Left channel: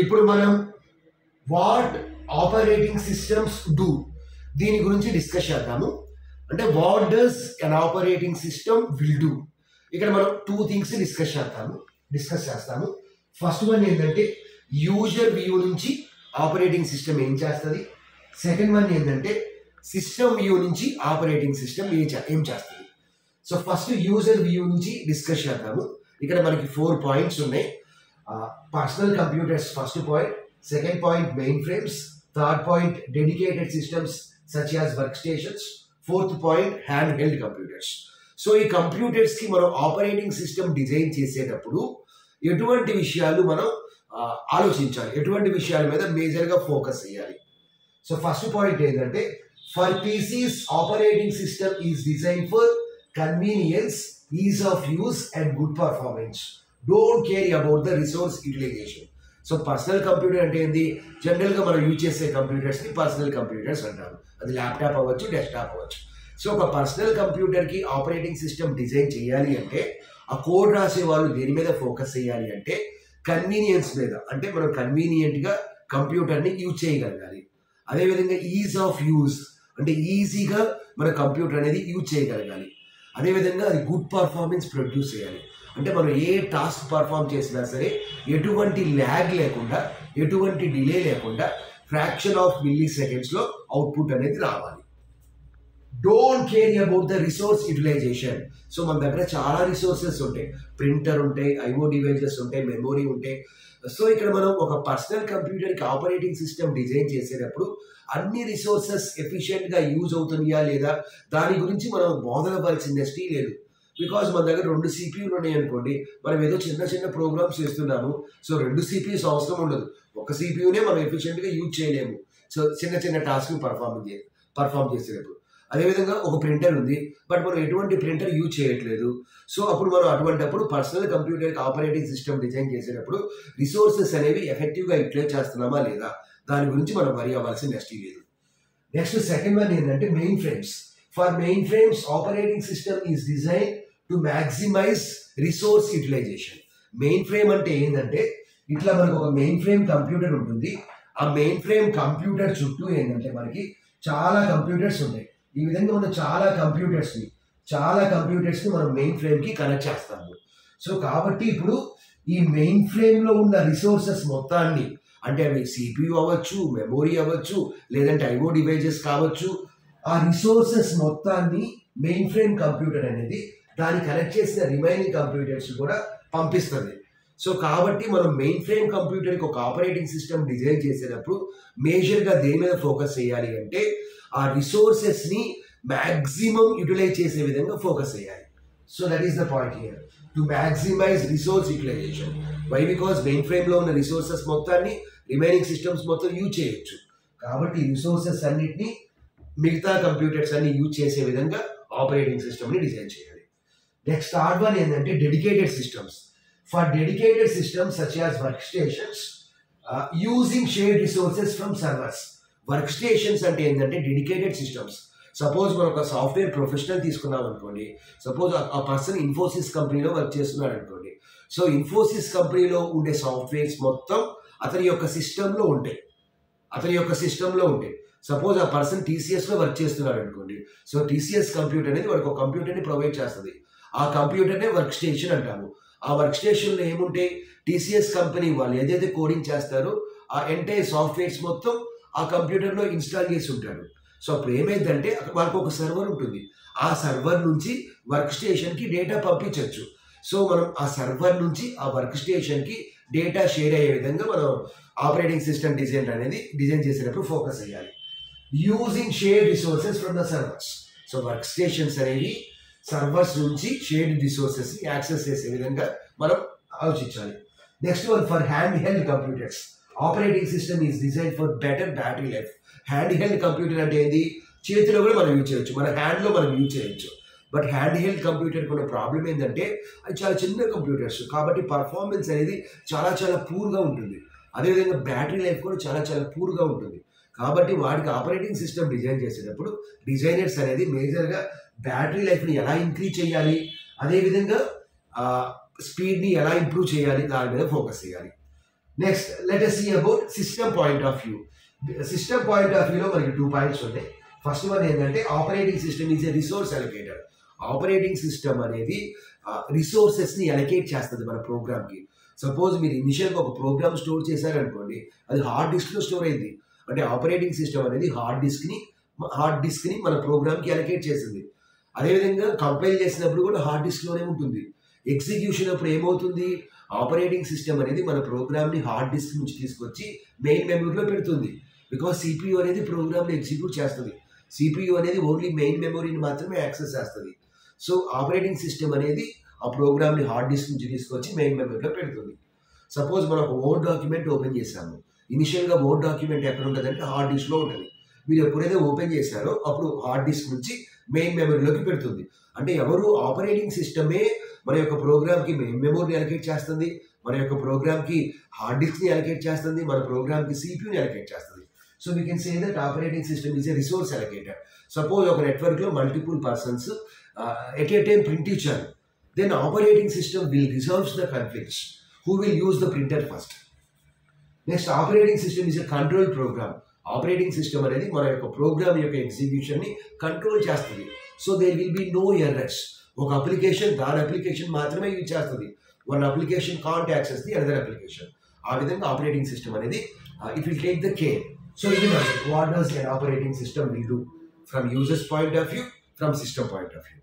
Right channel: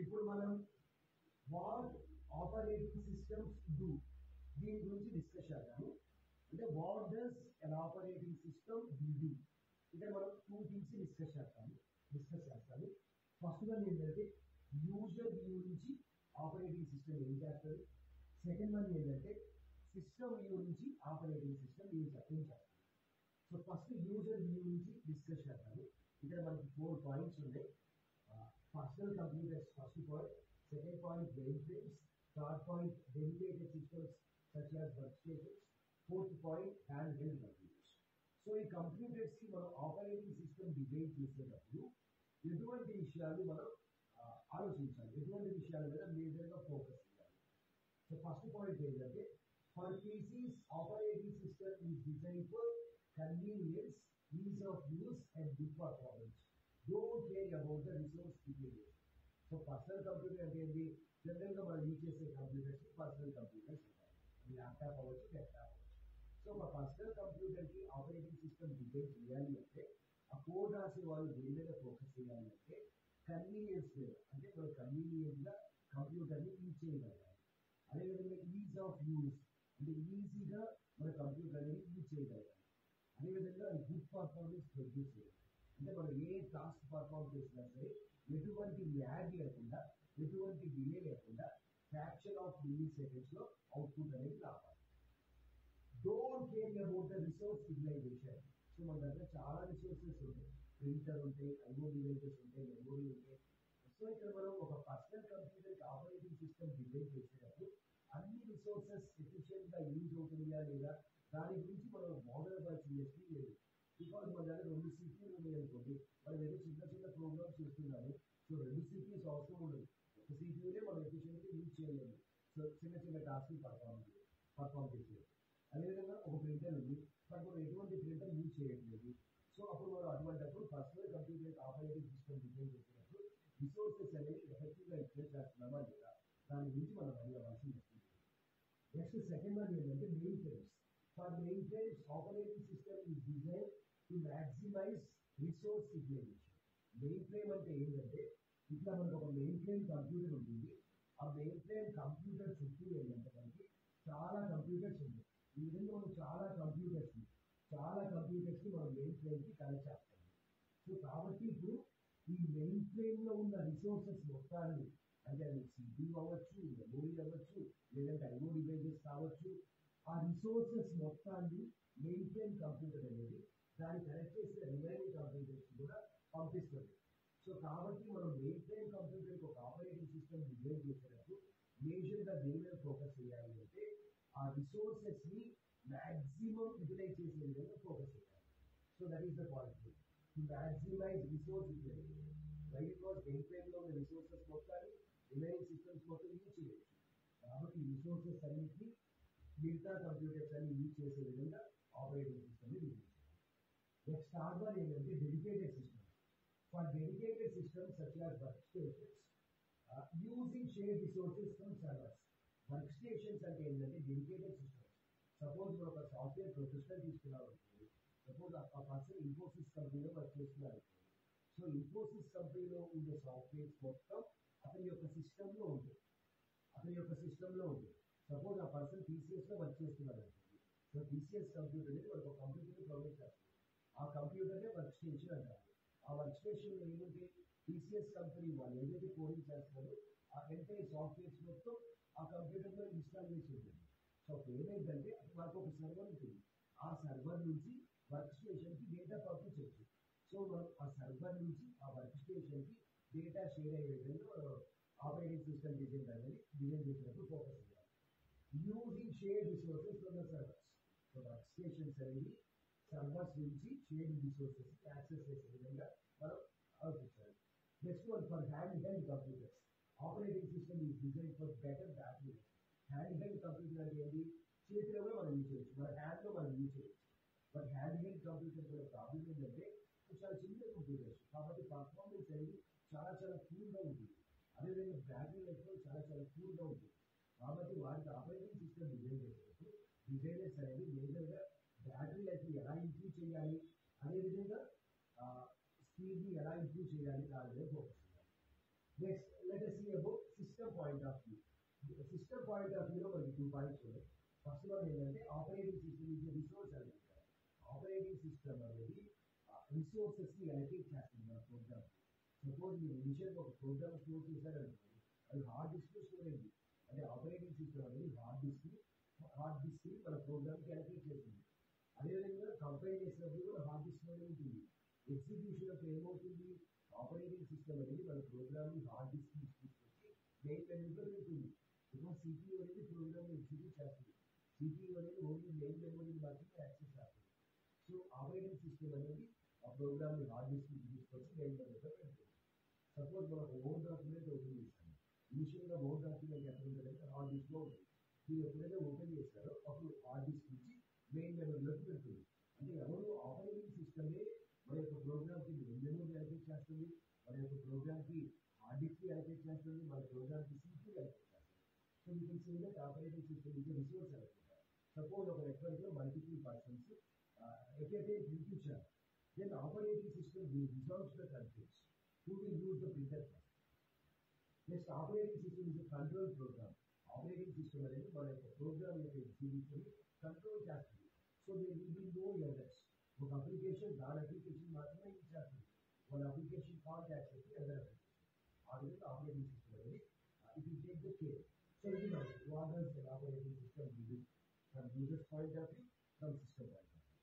ఇప్పుడు మనం what operating systems do దీని గురించి డిస్కస్ చేద్దాము. అంటే what does an operating system will do. ఇక్కడ మనం టూ థింగ్స్ డిస్కస్ చేస్తాము. ఫస్ట్ వన్ ఏంటంటే యూజర్ వ్యూ నుంచి ఆపరేటింగ్ సిస్టమ్ ఏం చేస్తుంది. సెకండ్ వన్ ఏంటంటే సిస్టమ్ వ్యూ నుంచి ఆపరేటింగ్ సిస్టమ్ ఏం చేస్తుంది. సో ఫస్ట్ యూజర్ వ్యూ నుంచి డిస్కస్ చేద్దాము. ఇక్కడ మనకి 4 పాయింట్స్ ఉన్నాయి. Personal computers first point, second point main frames, third point dedicated systems such as work stations, fourth point hand held computers. So ఈ computers కి మనం ఆపరేటింగ్ సిస్టమ్ డిజైన్ చేసేటప్పుడు ఎటువంటి విషయాలు మనం ఆలోచించాలి, ఎటువంటి విషయాల మీద మేజర్గా ఫోకస్ చేయాలి. సో ఫస్ట్ పాయింట్ ఏంటంటే for PCs operating system is design for convenience, ease of use and good performance. Don't care about the resource utilization. So personal computer అంటే ఏంది, జనరల్గా మనం యూజ్ చేసే కంప్యూటర్స్ని పర్సనల్ కంప్యూటర్స్ అంటారు. అది ల్యాప్టాప్ అవ్వచ్చు, డెస్క్టాప్ అవ్వచ్చు. సో ఒక పర్సనల్ కంప్యూటర్కి ఆపరేటింగ్ సిస్టమ్ డిజైన్ చేయాలి అంటే ఆ కోడ్ రాసే వాళ్ళు దేని మీద ఫోకస్ చేయాలి అంటే కన్వీనియన్స్ మీద. అంటే మనం కన్వీనియంట్గా కంప్యూటర్ని యూజ్ చేయగలగాలి. అదేవిధంగా ఈజ్ ఆఫ్ యూజ్ అంటే ఈజీగా మన కంప్యూటర్ అనేది యూజ్ చేయగలగాలి. అదేవిధంగా అది గుడ్ పర్ఫార్మెన్స్ ప్రొడ్యూస్ చేయాలి. అంటే మనం ఏ టాస్క్ పర్ఫామ్ చేసినా సరే ఎటువంటి ల్యాగ్ లేకుండా, ఎటువంటి డిలే లేకుండా ఫ్రాక్షన్ ఆఫ్ మిల్లీ సెకండ్స్లో అవుట్పుట్ అనేది రావాలి. Don't care about the resource utilization. So మన దగ్గర చాలా రిసోర్సెస్ ఉంటాయి, ప్రింటర్ ఉంటాయి, ఐఓ డివైజెస్ ఉంటాయి, మెమొరీ ఉంటాయి. సో ఇక్కడ మనం ఒక పర్సనల్ కంప్యూటర్కి ఆపరేటింగ్ సిస్టమ్ డిజైన్ చేసేటప్పుడు అన్ని రిసోర్సెస్ ఎఫిషియెంట్గా యూజ్ అవుతున్నాయా లేదా దాని గురించి మనం బోధనపడాల్సిన నెస్టీ లేదు. బికాజ్ మన దగ్గర 2 సిపియూలు ఉన్నాయి అనుకోండి, మనం ఏదో చిన్న ప్రోగ్రామ్స్ చేస్తున్నాము. సో 2 సిపియూస్ అవసరం ఉండదు, ఒక సిపియూనే మనం ఎఫిషియెంట్గా యూజ్ చేయలేము. సో చిన్న టాస్క్ పర్ఫామ్ చేసేటప్పుడు. అదేవిధంగా ఒక ప్రింటర్ ఉంది, బట్ మనం ఎటువంటి ప్రింటర్ యూజ్ చేయట్లేదు. సో అప్పుడు మనం అటువంటిప్పుడు పర్సనల్ కంప్యూటర్కి ఆపరేటింగ్ సిస్టమ్ డిజైన్ చేసేటప్పుడు రిసోర్సెస్ అనేవి ఎఫెక్టివ్గా యూటిలైజ్ చేస్తున్నామా లేదా దాని గురించి మనం వరి అవ్వాల్సిన నెస్టీ లేదు. నెక్స్ట్ సెకండ్ వన్ ఏంటంటే mainframes. For mainframes operating system is design to maximize resource utilization. Mainframe అంటే ఏంటంటే ఇట్లా మనకు ఒక మెయిన్ ఫ్రేమ్ కంప్యూటర్ ఉంటుంది. ఆ మెయిన్ ఫ్రేమ్ కంప్యూటర్ చుట్టూ ఏంటంటే మనకి చాలా కంప్యూటర్స్ ఉంటాయి. ఈ విధంగా మనం చాలా కంప్యూటర్స్ని మనం మెయిన్ ఫ్రేమ్కి కనెక్ట్ చేస్తాము. సో కాబట్టి ఇప్పుడు ఈ మెయిన్ ఫ్రేమ్లో ఉన్న రిసోర్సెస్ మొత్తాన్ని, అంటే అవి సిపియు అవ్వచ్చు, మెమొరీ అవ్వచ్చు, లేదంటే ఐఓ డివైజెస్ కావచ్చు, ఆ రిసోర్సెస్ మొత్తాన్ని మెయిన్ ఫ్రేమ్ కంప్యూటర్ అనేది దాన్ని కనెక్ట్ చేసిన రిమైనింగ్ కంప్యూటర్స్ కూడా పంపిస్తుంది. సో కాబట్టి మనం మెయిన్ ఫ్రేమ్ కంప్యూటర్కి ఒక ఆపరేటింగ్ సిస్టమ్ డిజైన్ చేసేటప్పుడు మేజర్గా దేని మీద ఫోకస్ చేయాలి అంటే ఆ రిసోర్సెస్ని మ్యాక్సిమం యూటిలైజ్ చేసే విధంగా ఫోకస్ చేయాలి. So that is the point here, to maximize resource utilization. Why? Because మెయిన్ ఫ్రేమ్లో ఉన్న రిసోర్సెస్ మొత్తాన్ని రిమైనింగ్ సిస్టమ్స్ మొత్తం యూజ్ చేయొచ్చు. కాబట్టి రిసోర్సెస్ అన్నిటినీ మిగతా కంప్యూటర్స్ అన్ని యూజ్ చేసే విధంగా ఆపరేటింగ్ సిస్టమ్ని డిజైన్ చేయాలి. నెక్స్ట్ థర్డ్ వన్ ఏంటంటే dedicated systems. For dedicated systems such as work stations using shared resources from servers. Work stations అంటే ఏంటంటే డెడికేటెడ్ సిస్టమ్స్. సపోజ్ మనం ఒక సాఫ్ట్వేర్ ప్రొఫెషనల్ తీసుకున్నాం అనుకోండి, సపోజ్ ఆ పర్సన్ ఇన్ఫోసిస్ కంపెనీలో వర్క్ చేస్తున్నాడు అనుకోండి. సో ఇన్ఫోసిస్ కంపెనీలో ఉండే సాఫ్ట్వేర్స్ మొత్తం అతని యొక్క సిస్టంలో ఉంటాయి. సపోజ్ ఆ పర్సన్ టీసీఎస్లో వర్క్ చేస్తున్నాడు అనుకోండి. సో టీసీఎస్ కంప్యూటర్ అనేది వాడికి ఒక కంప్యూటర్ని ప్రొవైడ్ చేస్తుంది. ఆ కంప్యూటర్నే వర్క్ స్టేషన్ అంటాము. ఆ వర్క్ స్టేషన్లో ఏముంటాయి, టీసీఎస్ కంపెనీ వాళ్ళు ఏదైతే కోడింగ్ చేస్తారో ఆ ఎంటైర్ సాఫ్ట్వేర్స్ మొత్తం ఆ కంప్యూటర్లో ఇన్స్టాల్ చేసి ఉంటాడు. సో అప్పుడు ఏమైందంటే వాళ్ళకి ఒక సర్వర్ ఉంటుంది. ఆ సర్వర్ నుంచి వర్క్ స్టేషన్కి డేటా పంపించవచ్చు. సో మనం ఆ సర్వర్ నుంచి ఆ వర్క్ స్టేషన్కి డేటా షేర్ అయ్యే విధంగా మనం ఆపరేటింగ్ సిస్టమ్ డిజైన్ చేసేటప్పుడు ఫోకస్ చేయాలి. Using shared resources from the servers. So work stations అనేవి సర్వర్స్ నుంచి షేర్డ్ రిసోర్సెస్ని యాక్సెస్ చేసే విధంగా మనం ఆలోచించాలి. Next one for hand held computers. Operating system is design for better battery life. Hand held computer అంటే ఏంది, చేతిలో కూడా మనం యూజ్ చేయొచ్చు, మన హ్యాండ్లో మనం యూజ్ చేయొచ్చు. బట్ హ్యాండ్ హెల్డ్ కంప్యూటర్కి ఉన్న ప్రాబ్లం ఏంటంటే అది చాలా చిన్న కంప్యూటర్స్ కాబట్టి పర్ఫార్మెన్స్ అనేది చాలా పూర్గా ఉంటుంది. అదేవిధంగా బ్యాటరీ లైఫ్ కూడా చాలా పూర్గా ఉంటుంది. కాబట్టి వాటికి ఆపరేటింగ్ సిస్టమ్ డిజైన్ చేసేటప్పుడు డిజైనర్స్ అనేది మేజర్గా బ్యాటరీ లైఫ్ని ఎలా ఇంక్రీజ్ చేయాలి, అదేవిధంగా స్పీడ్ని ఎలా ఇంప్రూవ్ చేయాలి దాని మీద ఫోకస్ చేయాలి. Next let us see about system point of view. System point of వ్యూలో మనకి 2 పాయింట్స్ ఉన్నాయి. ఫస్ట్ వన్ ఏంటంటే operating system is a resource allocator. Operating system అనేది రిసోర్సెస్ని అలొకేట్ చేస్తుంది మన ప్రోగ్రామ్కి. సపోజ్ మీరు ఇనిషియల్గా ఒక ప్రోగ్రామ్ స్టోర్ చేశారనుకోండి, అది హార్డ్ డిస్క్లో స్టోర్ అయింది. అంటే ఆపరేటింగ్ సిస్టమ్ అనేది హార్డ్ డిస్క్ని మన ప్రోగ్రామ్కి అలొకేట్ చేసింది. అదేవిధంగా కంపైల్ చేసినప్పుడు కూడా హార్డ్ డిస్క్లోనే ఉంటుంది. ఎగ్జిక్యూషన్ అప్పుడు ఏమవుతుంది, ఆపరేటింగ్ సిస్టమ్ అనేది మన ప్రోగ్రామ్ని హార్డ్ డిస్క్ నుంచి తీసుకొచ్చి మెయిన్ మెమరీలో పెడుతుంది. బికాస్ సిపియు అనేది ప్రోగ్రామ్ని ఎగ్జిక్యూట్ చేస్తుంది. సిపియు అనేది ఓన్లీ మెయిన్ మెమరీని మాత్రమే యాక్సెస్ చేస్తుంది. సో ఆపరేటింగ్ సిస్టమ్ అనేది ఆ ప్రోగ్రామ్ని హార్డ్ డిస్క్ నుంచి తీసుకొచ్చి మెయిన్ మెమరీలో పెడుతుంది. సపోజ్ మనం ఒక వర్డ్ డాక్యుమెంట్ ఓపెన్ చేసాము. ఇనిషియల్గా వర్డ్ డాక్యుమెంట్ ఎక్కడ ఉంటుందంటే హార్డ్ డిస్క్లో ఉంటుంది. మీరు ఎప్పుడైతే ఓపెన్ చేశారో అప్పుడు హార్డ్ డిస్క్ నుంచి మెయిన్ మెమరీలోకి పెడుతుంది. అంటే ఎవరు ఆపరేటింగ్ సిస్టమే మన యొక్క ప్రోగ్రామ్కి మెయిన్ మెమరీని అలొకేట్ చేస్తుంది, మన యొక్క ప్రోగ్రామ్కి హార్డ్ డిస్క్ని అలొకేట్ చేస్తుంది, మన ప్రోగ్రామ్కి సిపియూని అలొకేట్ చేస్తుంది. So we can say that operating system is a resource allocator. Suppose ఒక నెట్వర్క్లో multiple persons at a time print ఇచ్చారు, then operating system will reserves the conflicts who will use the printer first. Next operating system is a control program. Operating system అనేది మన యొక్క program యొక్క ఎగ్జిక్యూషన్ని control చేస్తుంది. So there will be no errors. ఒక application దాని application మాత్రమే use చేస్తుంది. One application can't access the another application. ఆ విధంగా ఆపరేటింగ్ సిస్టమ్ అనేది it will take the care. So ఇది what does an operating system will do from users point of view, from system point of view.